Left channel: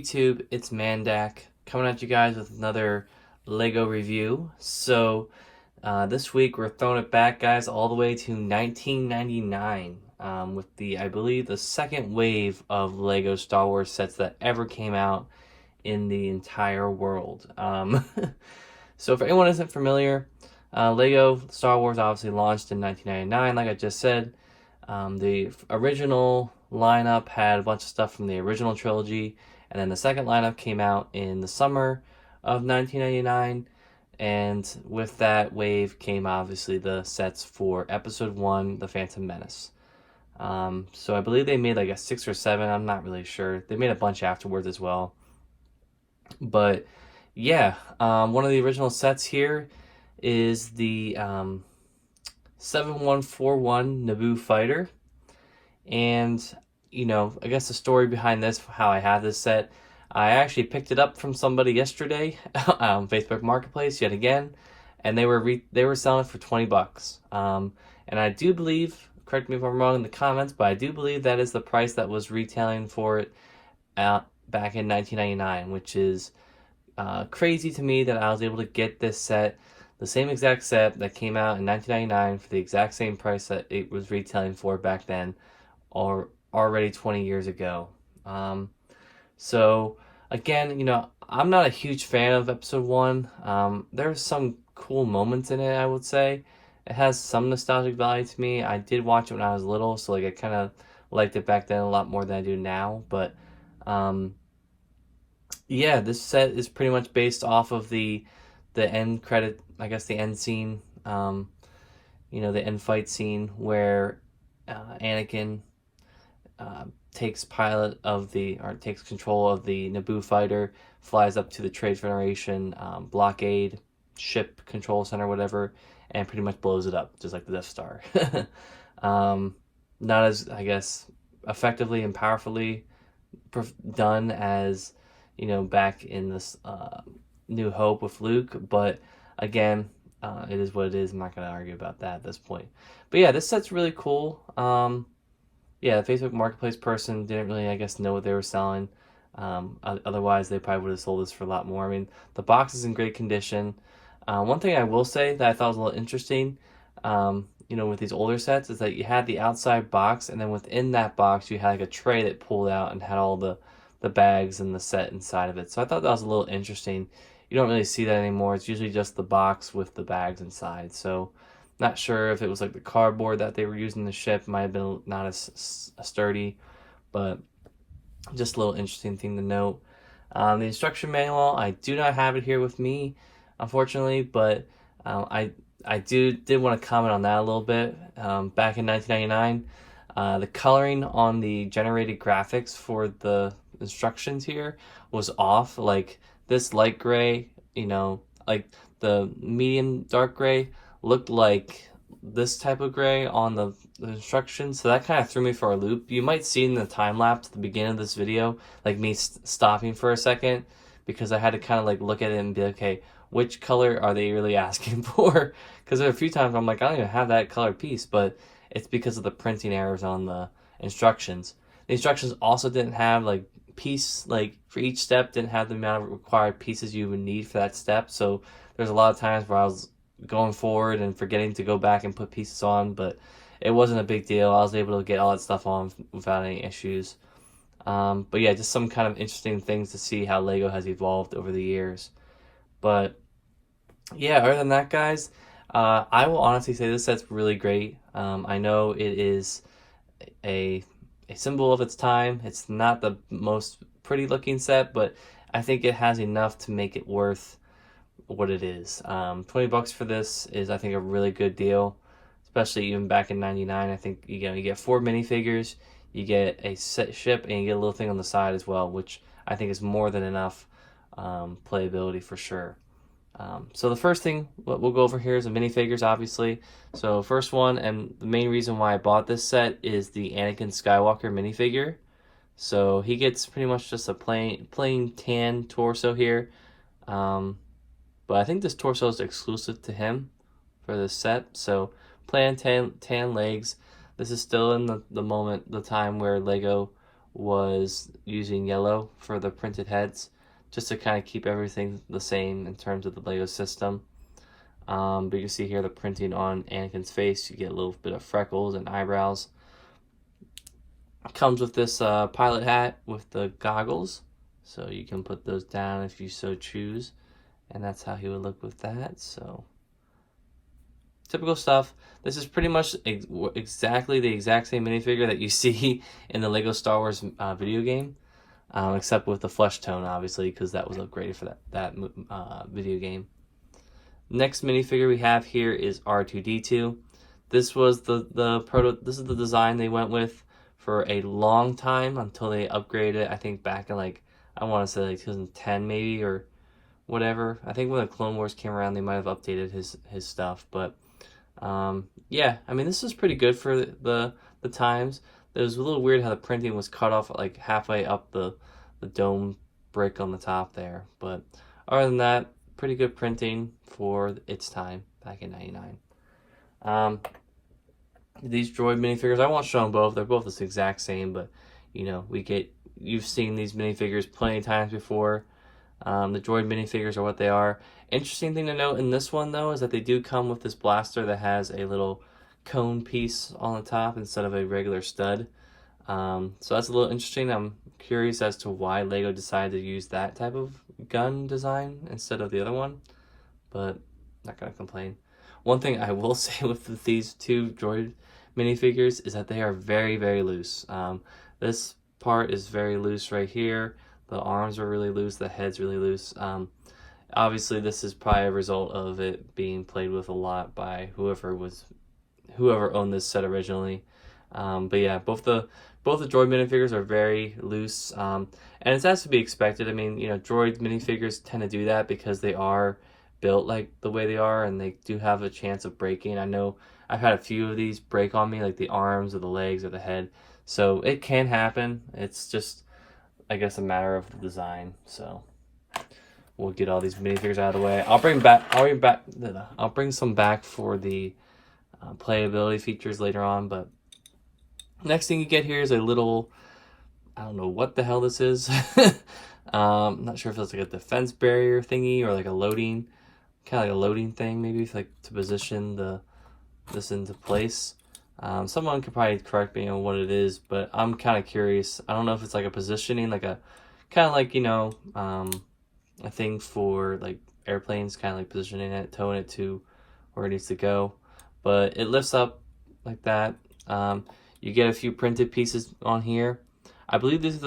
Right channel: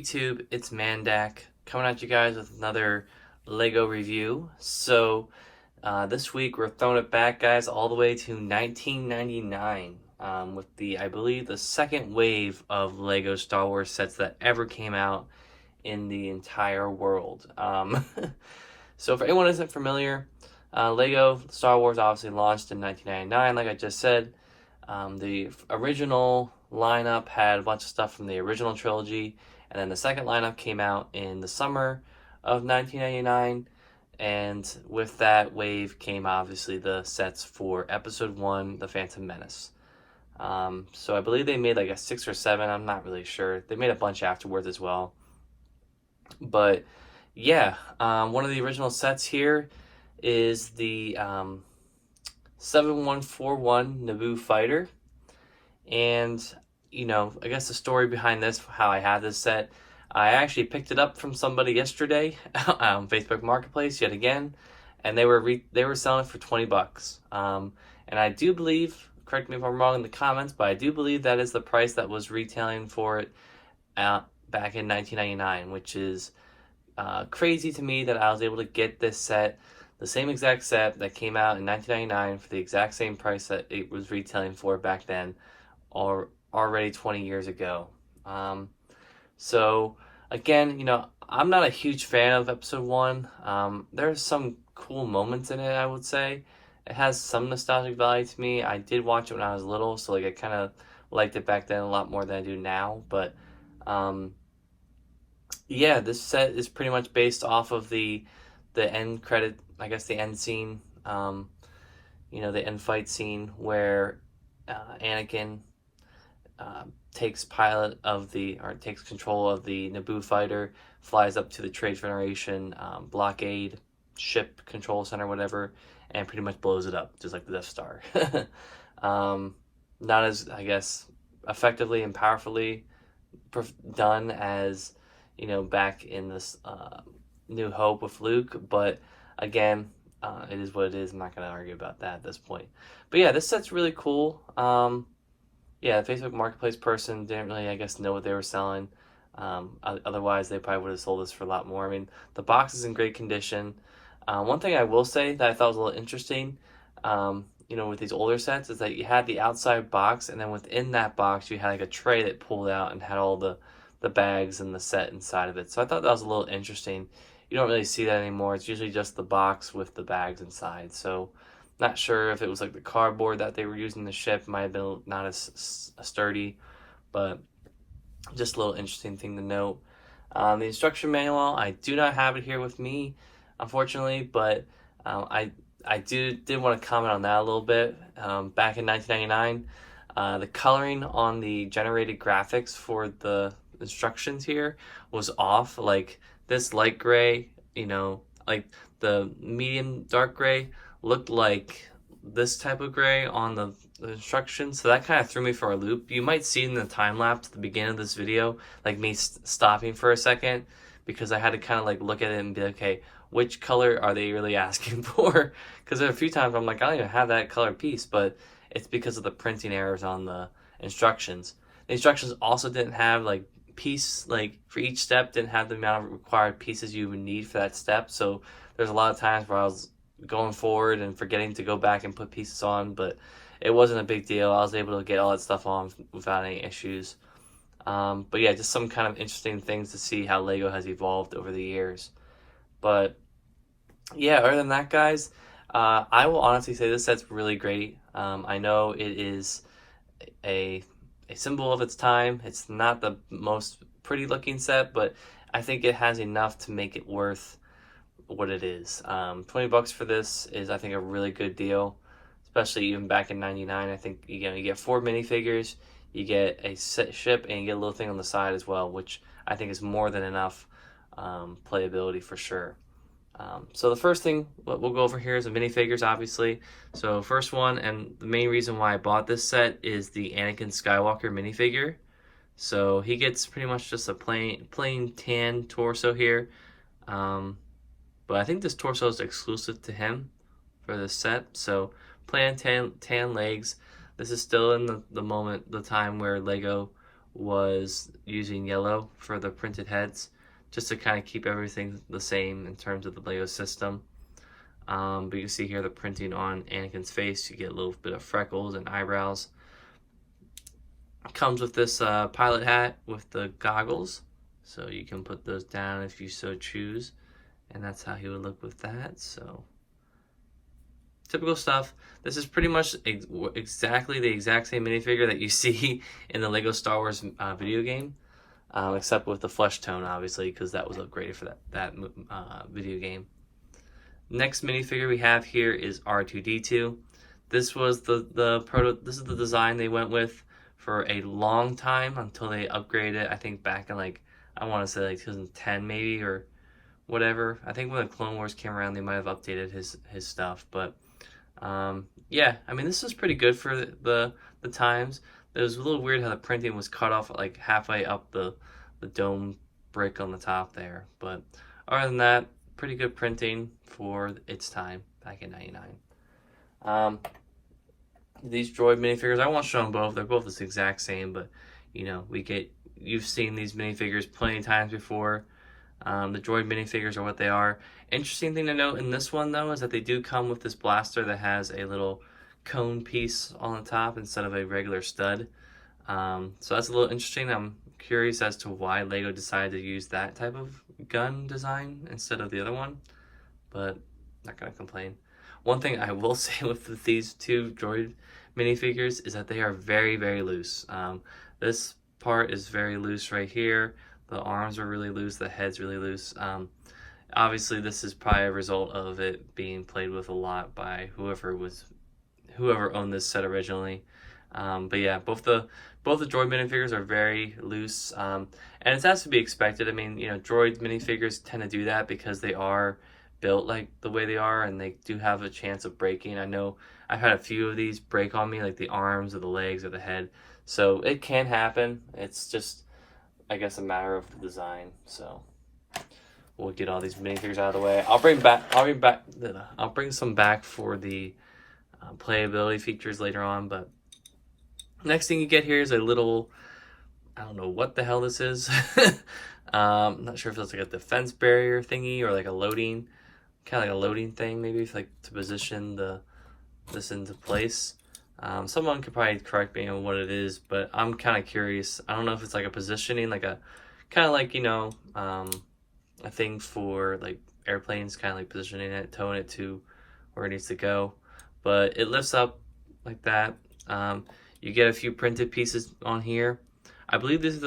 YouTube? It's Mandak coming at you guys with another Lego review. This week we're throwing it back, guys, all the way to 1999 with I believe, the second wave of Lego Star Wars sets that ever came out in the entire world. So for anyone who isn't familiar, Lego Star Wars obviously launched in 1999, like I just said. The original lineup had a bunch of stuff from the original trilogy, and then the second lineup came out in the summer of 1999, and with that wave came obviously the sets for Episode 1, The Phantom Menace. So I believe they made like a 6 or 7, I'm not really sure. They made a bunch afterwards as well. But yeah, one of the original sets here is the 7141 Naboo fighter. And, I guess the story behind this, how I have this set, I actually picked it up from somebody yesterday on Facebook Marketplace yet again, and they were selling it for $20. And I do believe, correct me if I'm wrong in the comments, but I do believe that is the price that was retailing for it back in 1999, which is crazy to me that I was able to get this set, the same exact set that came out in 1999 for the exact same price that it was retailing for back then, or already 20 years ago. So again, I'm not a huge fan of Episode 1. There's some cool moments in it, I would say. It has some nostalgic value to me. I did watch it when I was little, so I kind of liked it back then a lot more than I do now. But yeah, this set is pretty much based off of the end credit, I guess the end scene, the end fight scene where Anakin takes takes control of the Naboo fighter, flies up to the Trade Federation blockade ship control center, whatever, and pretty much blows it up, just like the Death Star. Not as, I guess, effectively and powerfully done as, back in this New Hope with Luke, but again, it is what it is. I'm not going to argue about that at this point. But yeah, this set's really cool. Yeah, the Facebook Marketplace person didn't really, I guess, know what they were selling. Otherwise, they probably would have sold this for a lot more. I mean, the box is in great condition. One thing I will say that I thought was a little interesting, with these older sets, is that you had the outside box, and then within that box, you had like a tray that pulled out and had all the bags and the set inside of it. So I thought that was a little interesting. You don't really see that anymore. It's usually just the box with the bags inside. So not sure if it was like the cardboard that they were using to ship. Might have been not as sturdy, but just a little interesting thing to note. The instruction manual, I do not have it here with me, unfortunately, but I did want to comment on that a little bit. Back in 1999, the coloring on the generated graphics for the instructions here was off. Like this light gray, like the medium dark gray looked like this type of gray on the instructions, so that kind of threw me for a loop. You might see in the time lapse at the beginning of this video, like me stopping for a second, because I had to kind of like look at it and be like, okay, which color are they really asking for? Because there are a few times I'm like, I don't even have that color piece, but it's because of the printing errors on the instructions. The instructions also didn't have like for each step, didn't have the amount of required pieces you would need for that step. So there's a lot of times where I was going forward and forgetting to go back and put pieces on, but it wasn't a big deal. I was able to get all that stuff on without any issues. But yeah, just some kind of interesting things to see how Lego has evolved over the years. But yeah, other than that, guys, I will honestly say this set's really great. I know it is a symbol of its time. It's not the most pretty looking set, but I think it has enough to make it worth what it is. $20 for this is, I think, a really good deal, especially even back in 99. I think you get 4 minifigures, you get a set ship, and you get a little thing on the side as well, which I think is more than enough playability for sure. So the first thing we'll go over here is the minifigures, obviously. So first one, and the main reason why I bought this set, is the Anakin Skywalker minifigure. So he gets pretty much just a plain tan torso here. But I think this torso is exclusive to him for this set. So plain tan legs. This is still in the time where Lego was using yellow for the printed heads, just to kind of keep everything the same in terms of the Lego system. But you can see here the printing on Anakin's face. You get a little bit of freckles and eyebrows. Comes with this pilot hat with the goggles, so you can put those down if you so choose, and that's how he would look with that. So typical stuff. This is pretty much exactly the exact same minifigure that you see in the Lego Star Wars video game, except with the flesh tone, obviously, because that was upgraded for that video game. Next minifigure we have here is R2D2. This was This is the design they went with for a long time until they upgraded it. I think back in I want to say 2010 maybe, or whatever. I think when the Clone Wars came around, they might have updated his stuff. But yeah, I mean, this is pretty good for the times. It was a little weird how the printing was cut off like halfway up the dome brick on the top there. But other than that, pretty good printing for its time back in '99. These droid minifigures, I won't show them both. They're both the exact same, but you've seen these minifigures plenty of times before. The droid minifigures are what they are. Interesting thing to note in this one, though, is that they do come with this blaster that has a little cone piece on the top instead of a regular stud. So that's a little interesting. I'm curious as to why Lego decided to use that type of gun design instead of the other one, but not gonna complain. One thing I will say with these two droid minifigures is that they are very, very loose. This part is very loose right here. The arms are really loose, the head's really loose. Obviously, this is probably a result of it being played with a lot by whoever owned this set originally. But yeah, both the droid minifigures are very loose, and it's as to be expected. I mean, droid minifigures tend to do that because they are built like the way they are, and they do have a chance of breaking. I know I've had a few of these break on me, like the arms or the legs or the head, so it can happen. It's just, I guess, a matter of the design. So we'll get all these minifigures out of the way. I'll bring some back for the playability features later on. But next thing you get here is a little, I don't know what the hell this is. I'm not sure if it's like a defense barrier thingy or like a loading, kind of like a loading thing. Maybe it's like to position this into place. Someone could probably correct me on what it is, but I'm kind of curious. I don't know if it's like a positioning, like a kind of like a thing for like airplanes, kind of like positioning it, towing it to where it needs to go. But it lifts up like that. You get a few printed pieces on here. I believe these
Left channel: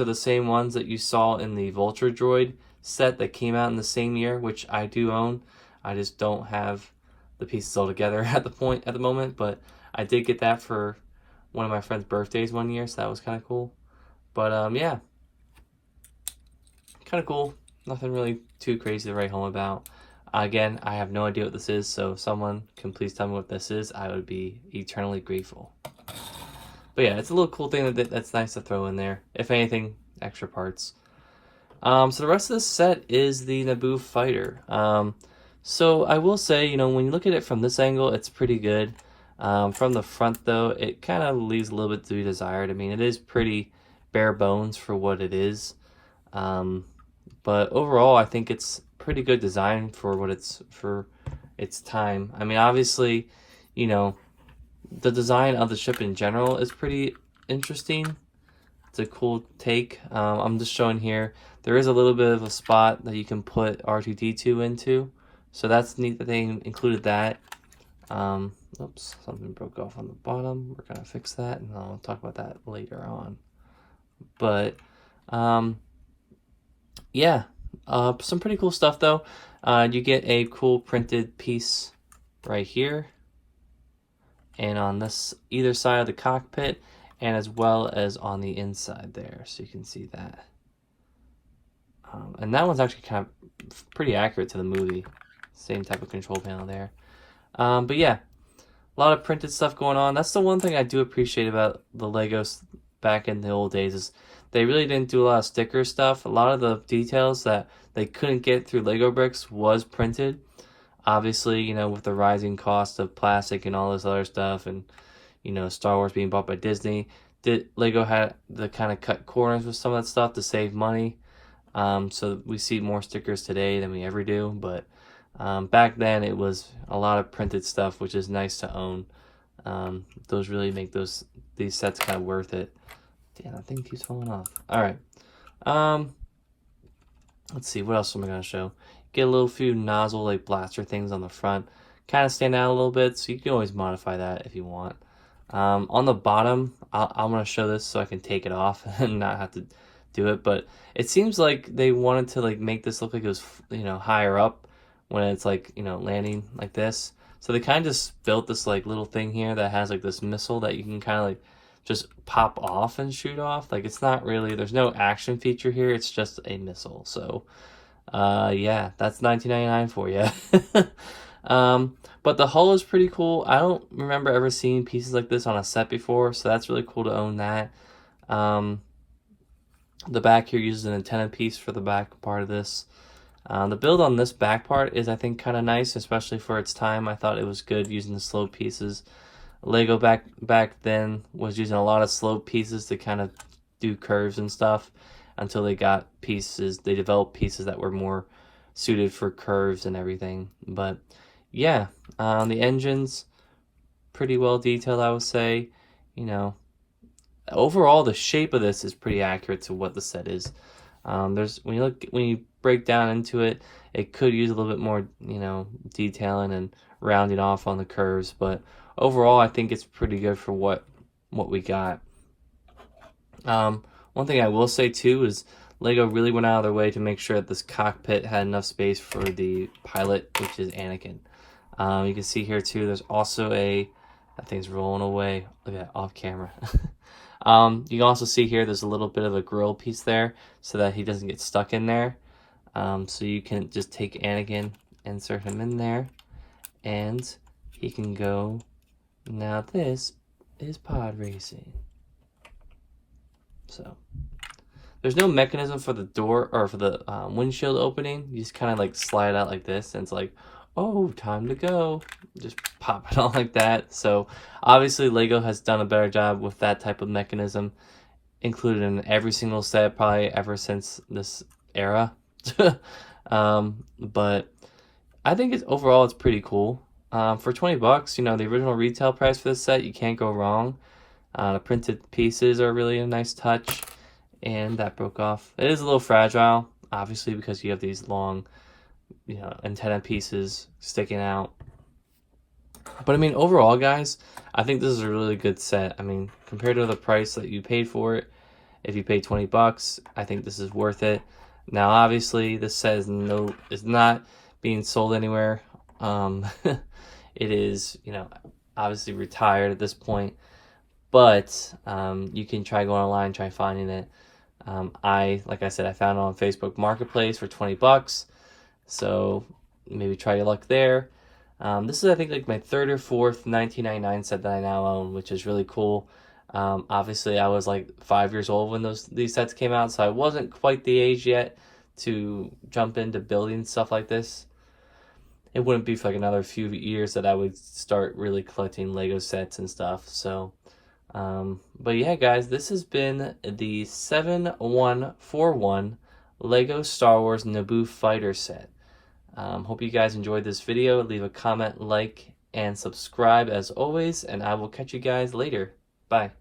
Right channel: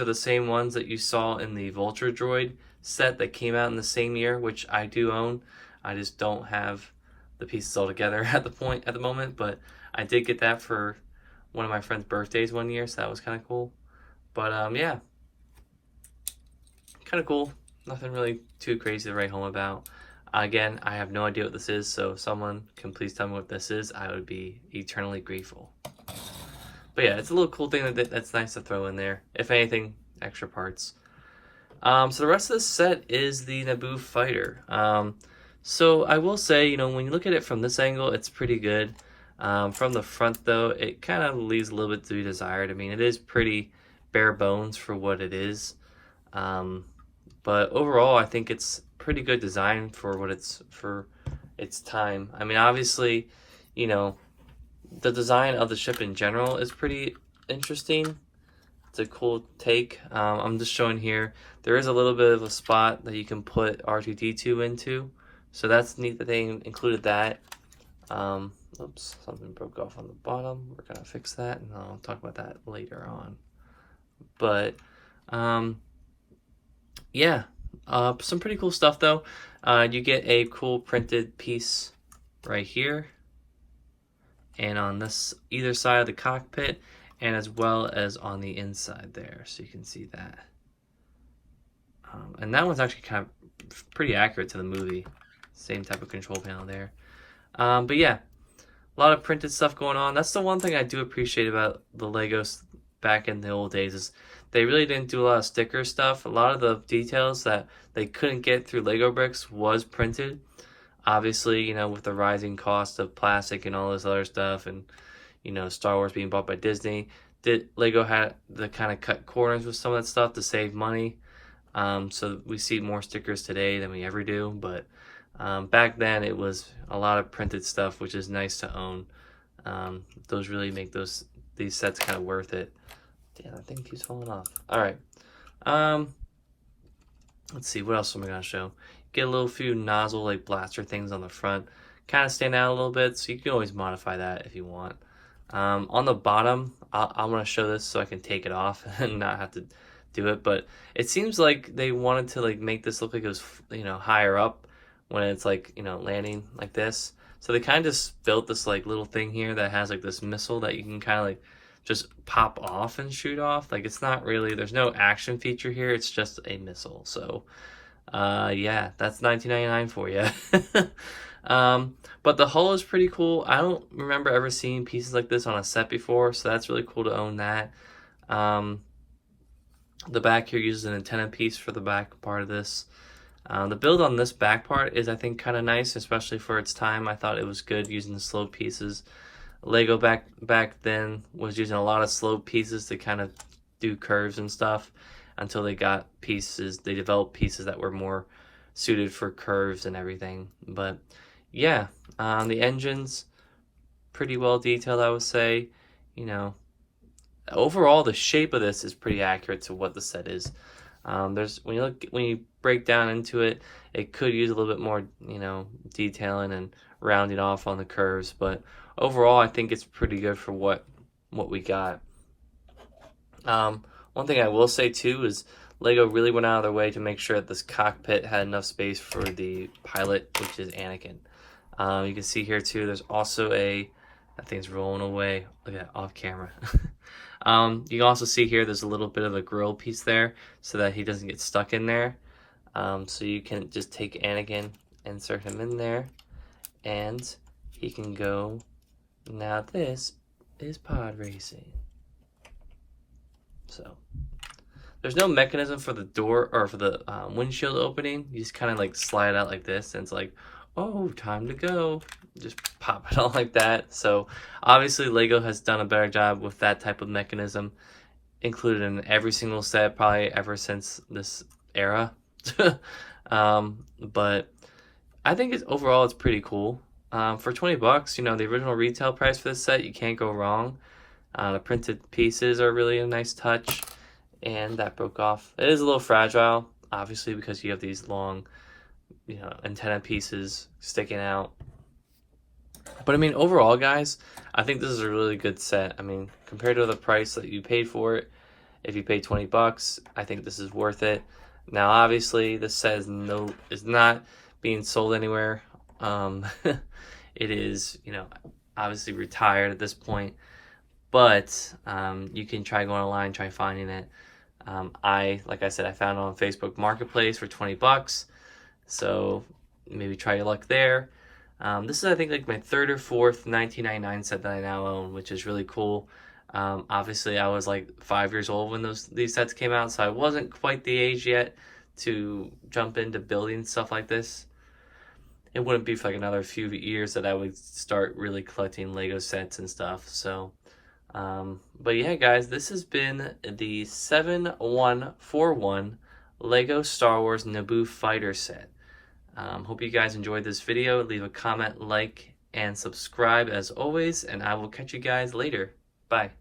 are the same ones that you saw in the Vulture Droid set that came out in the same year, which I do own. I just don't have the pieces all together at the moment, but I did get that for one of my friend's birthdays one year, so that was kind of cool. But yeah, kind of cool. Nothing really too crazy to write home about. Again, I have no idea what this is, so if someone can please tell me what this is, I would be eternally grateful. But yeah, it's a little cool thing that's nice to throw in there. If anything, extra parts. So the rest of this set is the Naboo fighter. So I will say, when you look at it from this angle, it's pretty good. From the front, though, it kind of leaves a little bit to be desired. I mean, it is pretty bare bones for what it is. But overall, I think it's pretty good design for its time. I mean, obviously, the design of the ship in general is pretty interesting. It's a cool take. I'm just showing here. There is a little bit of a spot that you can put R2D2 into. So that's neat that they included that. Oops, something broke off on the bottom. We're going to fix that, and I'll talk about that later on. But, yeah. Some pretty cool stuff, though. You get a cool printed piece right here, and on this either side of the cockpit, and as well as on the inside there, so you can see that. And that one's actually kind of pretty accurate to the movie. Same type of control panel there. But yeah, a lot of printed stuff going on. That's the one thing I do appreciate about the Legos back in the old days, is they really didn't do a lot of sticker stuff. A lot of the details that they couldn't get through Lego bricks was printed. Obviously, with the rising cost of plastic and all this other stuff, and Star Wars being bought by Disney, Lego had to kind of cut corners with some of that stuff to save money. So we see more stickers today than we ever do, but back then it was a lot of printed stuff, which is nice to own. Those really make these sets kind of worth it. Damn, I think he's falling off. All right. Um, let's see, what else am I gonna show? Get a little few nozzle like blaster things on the front, kind of stand out a little bit, so you can always modify that if you want. On the bottom, I want to show this so I can take it off and not have to do it, but it seems like they wanted to like make this look like it was, you know, higher up when it's like, you know, landing like this. So they kind of just built this like little thing here that has like this missile that you can kind of like just pop off and shoot off. Like it's not really, there's no action feature here, it's just a missile. So yeah, that's $19.99 for you. But the hull is pretty cool. I don't remember ever seeing pieces like this on a set before, so that's really cool to own that. The back here uses an antenna piece for the back part of this. The build on this back part is, I think, kind of nice, especially for its time. I thought it was good using the slope pieces. Lego back then was using a lot of slope pieces to kind of do curves and stuff until they got pieces. They developed pieces that were more suited for curves and everything. But yeah, the engine's pretty well detailed, I would say. You know, overall the shape of this is pretty accurate to what the set is. There's when you break down into it, it could use a little bit more, you know, detailing and rounding off on the curves, but overall I think it's pretty good for what we got. One thing I will say too is Lego really went out of their way to make sure that this cockpit had enough space for the pilot, which is Anakin. You can see here too, there's also that thing's rolling away. Look at that, off camera. You can also see here there's a little bit of a grill piece there so that he doesn't get stuck in there. So you can just take Anakin, insert him in there, and he can go. Now this is pod racing. So there's no mechanism for the door or for the windshield opening. You just kind of like slide out like this, and it's like, oh, time to go. Just pop it on like that. So obviously Lego has done a better job with that type of mechanism, included in every single set probably ever since this era. But I think overall it's pretty cool. For $20, you know, the original retail price for this set, you can't go wrong. The printed pieces are really a nice touch, and that broke off. It is a little fragile, obviously, because you have these long, you know, antenna pieces sticking out. But I mean, overall, guys, I think this is a really good set. I mean, compared to the price that you paid for it, if you paid $20, I think this is worth it. Now, obviously, this set is not being sold anywhere. It is, you know, obviously retired at this point, but you can try going online, try finding it. Like I said, I found it on Facebook Marketplace for $20. So maybe try your luck there. This is, I think, like my third or fourth 1999 set that I now own, which is really cool. Obviously, I was like 5 years old when these sets came out, so I wasn't quite the age yet to jump into building stuff like this. It wouldn't be for like another few years that I would start really collecting Lego sets and stuff. So, but yeah, guys, this has been the 7141 Lego Star Wars Naboo Fighter set. Hope you guys enjoyed this video. Leave a comment, like, and subscribe as always, and I will catch you guys later. Bye.